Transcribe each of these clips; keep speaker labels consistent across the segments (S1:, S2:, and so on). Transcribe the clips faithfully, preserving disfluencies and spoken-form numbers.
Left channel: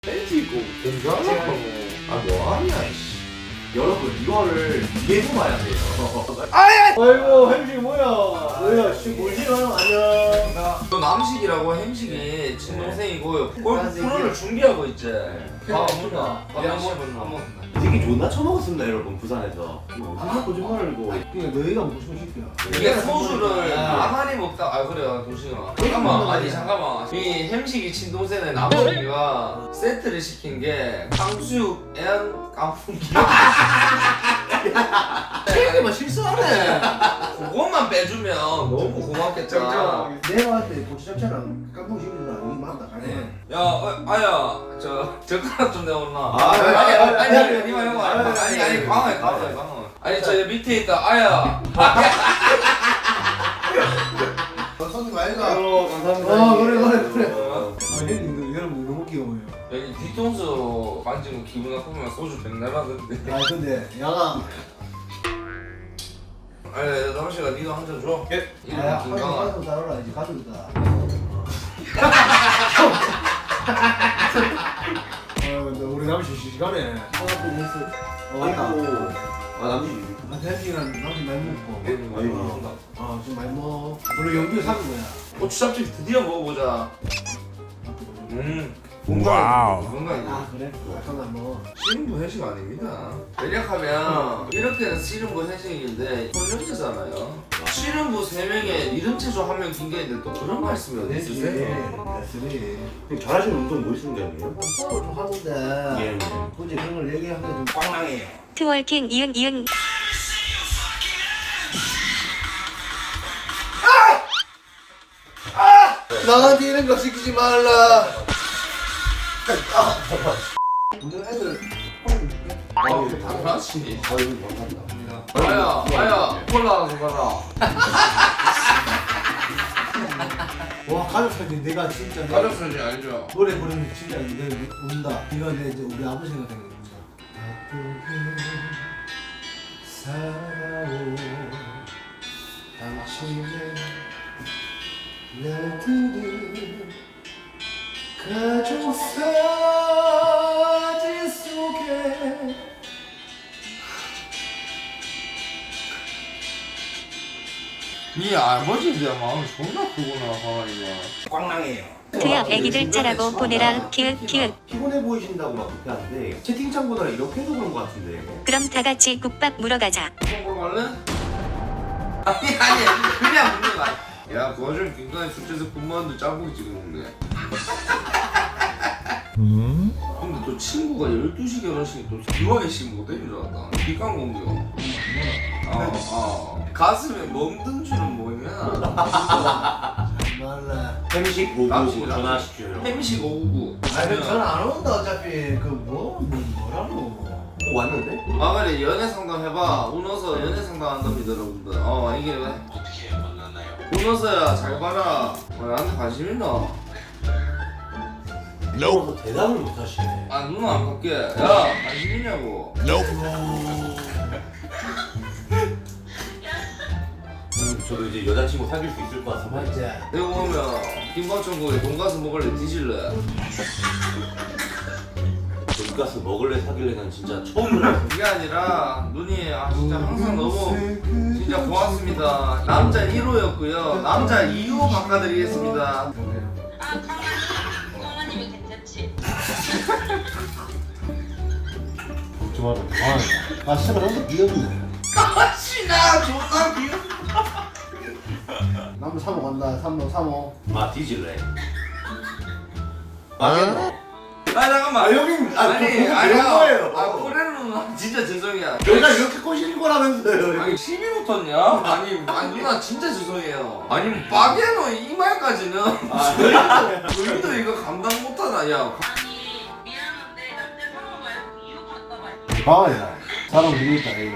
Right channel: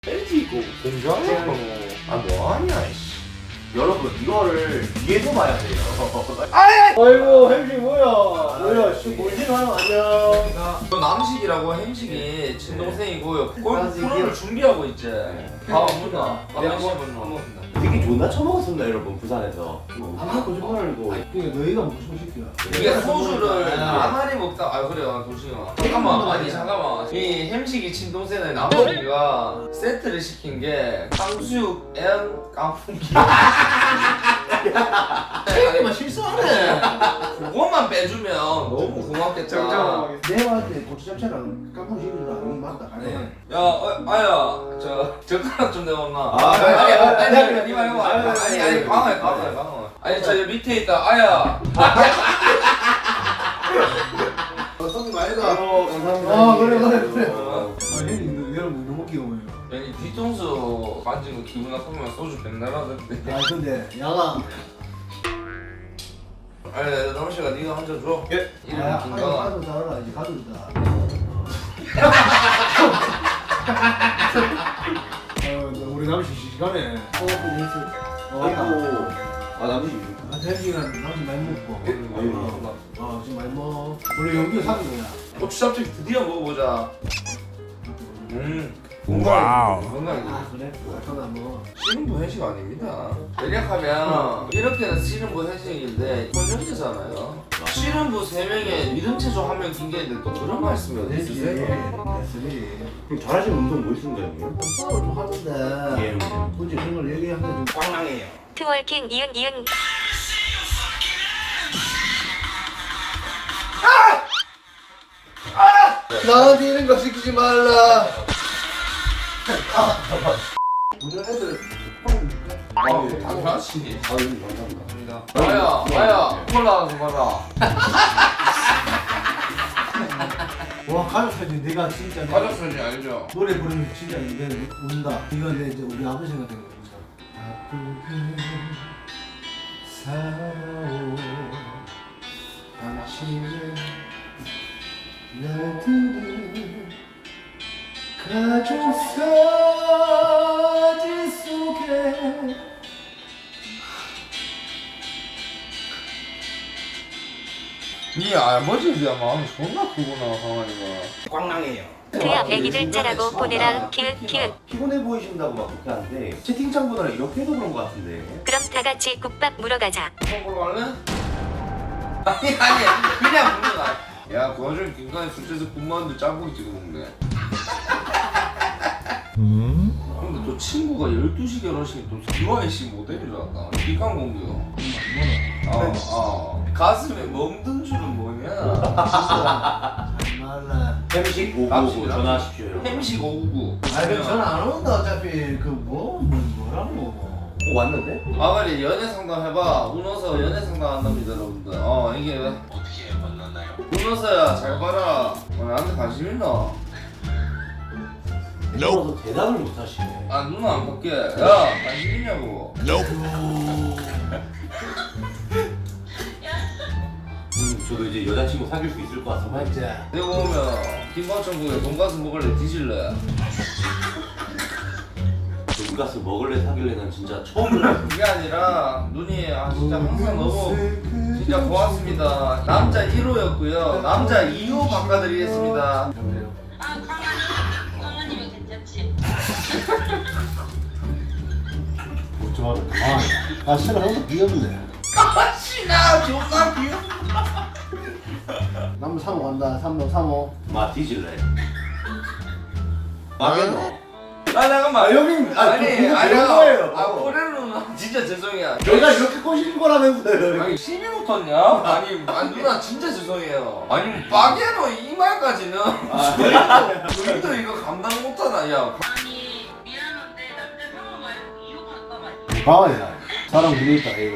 S1: 팬티 입고 공주하고 아 뭐하냐 이씨.
S2: 여러분 이거를 위에서 봐야 돼요.
S3: 아이고 햄식 뭐야? 뭐야? 지금 몰지 마요. 안녕.
S1: 저 남식이라고 햄식이 친동생이고요. 골프 프로를 준비하고 있지. 아 뭔가 한번 한번
S2: 되게 존나 처먹었습니다 여러분 부산에서.
S3: 아까 거짓말이고. 그냥 너희가 먹고 싶은 새끼야.
S1: 이게 소주를 나날이 먹다 아 그래요 도시가 잠깐만 아니 잠깐만 이 햄식이 친동생의 남동이가 세트를 시킨 게 탕수육 앤 깐풍기
S3: 형님만 실수하네.
S1: 그것만 빼주면 너무 고맙겠다.
S3: 내가 할 때 고추잡채랑 깐풍기랑 맞다.
S1: 네. 야, 어, 아야, 저 젓가락 좀 내어놔.
S2: 아,
S1: 아니,
S2: 아니,
S1: 아니,
S2: 아니,
S1: 아니,
S2: 아니,
S1: 니 말고,
S2: 아니,
S1: 아니,
S2: 아니,
S1: 아니, 아니, 광어야, 광어야, 광어. 아니, 저 밑에 있다, 아야.
S3: 선생님 아이가.
S2: 어 감사합니다.
S3: 아 그래 그래 그래.
S1: 어.
S3: 아 형님 여러분 너무 귀여워요.
S1: 여기 뒤통수 만지고 기분 나쁘면 소주 백날 하던데.
S3: 아 근데 양아.
S1: 아니, 남씨가 니가 한 잔 줘.
S2: 예.
S1: 이름이
S3: 아,
S1: 김강아.
S3: 가족 따라라 이제 가족이다. 어, 우리 남씨 시간에 어, 왔다.
S2: 아이고. 아 남지.
S3: 아, 햄식이랑 남씨 많이 먹고.
S2: 아이고.
S3: 어, 지금 많이 먹어. 원래 연기를 사는 거야.
S1: 고추잡채 드디어 먹어보자. 음.
S4: 와우.
S1: 건강해.
S3: 아 그래? 아까는 안 먹어.
S1: 씨름부 회식 아닙니다. 왜냐하면 이렇게는 씨름부 회식인데 혼연제잖아요. 씨름부 세 명에 이름체조 한 명 핑계인데 또 그런 말씀이 어디 있으세요?
S3: 네.
S2: 그럼 잘하시는 운동 뭐 있습니까 형님?
S3: 싸워 좀 하는데
S2: 예.
S3: 굳이 그런 걸 얘기하면 좀 꽝랑해요.
S5: 트월킹 이응 이응
S3: 나한테 이런 거 시키지 말라. 우리 애들
S1: 아우 당연하지.
S2: 아유 감사합니다.
S1: 아야 아야 콜라 좀 받아.
S3: 와 가족 사진 내가 진짜 내가
S1: 가족 사진 알죠?
S3: 노래 부르면 진짜 내가 운다. 이거 내 이제 우리 아버지가 되는 거죠. 아프게 살아온 당신의 날들은 가족 사진 속에
S1: 네 아버지에 대한 마음이 존나 크구나 강아리가.
S2: 꽝랑해요.
S5: 그야 애기들 짜라고 보내라 키읔 키읔
S2: 피곤해 보이신다고 막 그렇게 하는데 채팅창보다 이렇게 해서 그런 거 같은데.
S5: 그럼 다 같이 국밥 물어 가자.
S1: 먹으러 갈래? 아니 아니 그냥 묻는 거 아니야. 야 그 와중에 김강희 술집에서 군만두 짬뽕이 찍었는데.
S4: 음?
S1: 근데 또 친구가 열두 시 결혼식에 또 비와이씨 모델이 나왔다. 비강 공격. 아, 아. 가슴에 멍든 줄은 뭐냐?
S3: 말라.
S2: 햄식 오고
S1: 남식이랑
S2: 전화하십시오 여러분.
S1: 햄식 오구구.
S3: 아니 전화 안 온다 어차피 그뭐 뭐, 뭐라노.
S2: 어, 왔는데?
S1: 아 그래 연애 상담 해봐. 운어서 연애 상담 한답니다 여러분들. 어 이게 왜?
S4: 어떻게 만났나요?
S1: 운어서야 잘 봐라. 어, 나한테 관심 있나?
S2: 이러면서 대답을 못 하시네.
S1: 아 누나 안 볼게. 야 관심 있냐고.
S2: 음, 저도 이제 여자친구 사귈 수 있을 것 같습니다.
S3: 맞지?
S1: 내가 오면 김밥천국에 돈가스 먹을래 뒤질래?
S2: 돈가스 먹을래 사귈래는 진짜 처음 들어요.
S1: 그게 아니라 누님 아 진짜 항상 너무 진짜 고맙습니다. 남자 일 호였고요. 남자 이 호 바꿔드리겠습니다.
S6: 아, 강아지. 강아지면 괜찮지.
S3: 좀 하자. 아, 아 진짜 너무 귀엽네.
S1: 까마씨나 존나 귀여워.
S3: 남부 삼호 간다. 삼호 삼호.
S2: 아 뒤질래. 맞겠노?
S1: 아 잠깐만.
S2: 아, 형님, 아,
S1: 아니
S2: 그거
S1: 아니
S2: 그런 거예요.
S1: 아 꼬레는 누나 진짜 죄송해요.
S2: 내가 이렇게 꼬시는 거라면서요.
S1: 아니 시비 붙었냐? 아니, 아니 누나 진짜 죄송해요. 아니 뭐 빠게노 이 말까지는 우리도 이거 감당 못하나 야.
S6: 아니, 미안한데 남자 상호 말고 이호 바꿔봐.
S3: 강아지야. 사람 부르겠다 이거.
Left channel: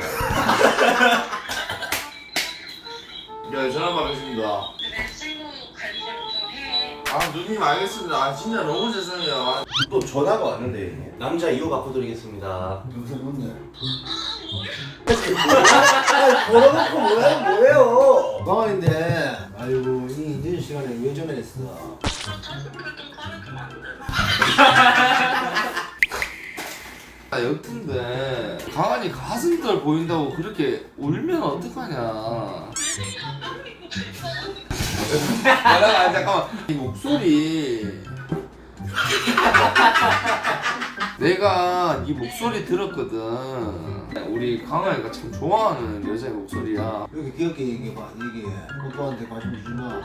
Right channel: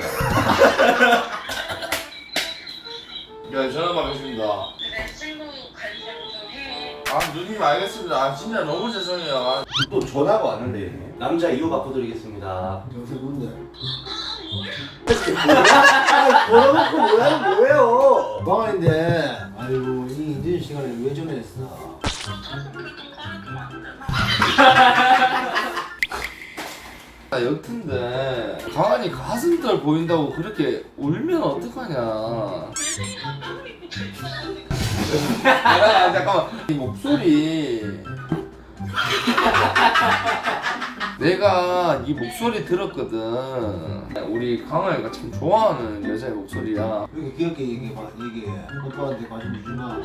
S1: 야 전화 받으십니다.
S6: 그래, 친구 관리 좀 해.
S1: 아 누님 알겠습니다. 아 진짜 너무 죄송해요. 아,
S2: 또 전화가 왔는데 남자 이 호 바꿔드리겠습니다.
S3: 요새 뭔데?
S2: 아, 걸어놓고 뭐야 뭐예요?
S3: 강아지인데 아이고 이 인제 시간에 왜 전화했어?
S6: 가슴 그렇게 커서 안 되나?
S1: 아, 여튼데 강아지 가슴털 보인다고 그렇게 울면 어떡하냐. 아, 잠깐만 이 목소리 내가 이 목소리 들었거든. 우리 강아지가 참 좋아하는 여자의 목소리야.
S3: 이렇게 귀엽게 얘기해봐. 얘기해. 오빠한테 관심 주나?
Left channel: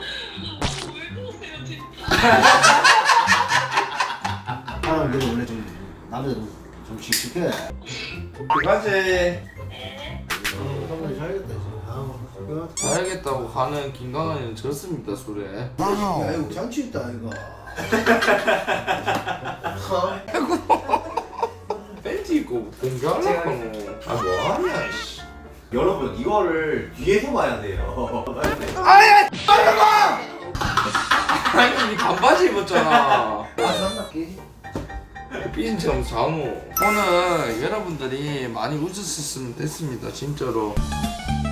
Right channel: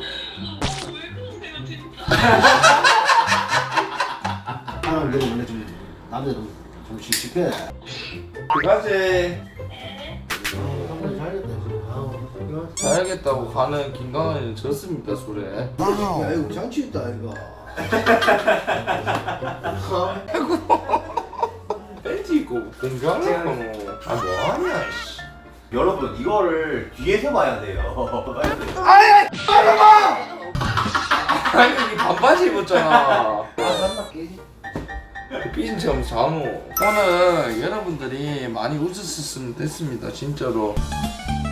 S3: 사람 내가 원래 좀 남자 좀 좀씩 있을게.
S1: 그가지
S3: 한번 잘겠다 지금. 아,
S1: 잘하겠다고 가는 김강아지는 졌습니다 술에.
S3: 야 이거 잔치 있다 이거.
S1: 팬티 입고 공개하려고 뭐. 아 뭐하냐 씨.
S2: 여러분 이거를 뒤에서 봐야 돼요.
S1: 아니 이 반바지 입었잖아.
S3: 아 잠깐 깨지.
S1: 삐진처럼 잠오. 오늘 여러분들이 많이 웃으셨으면 됐습니다 진짜로.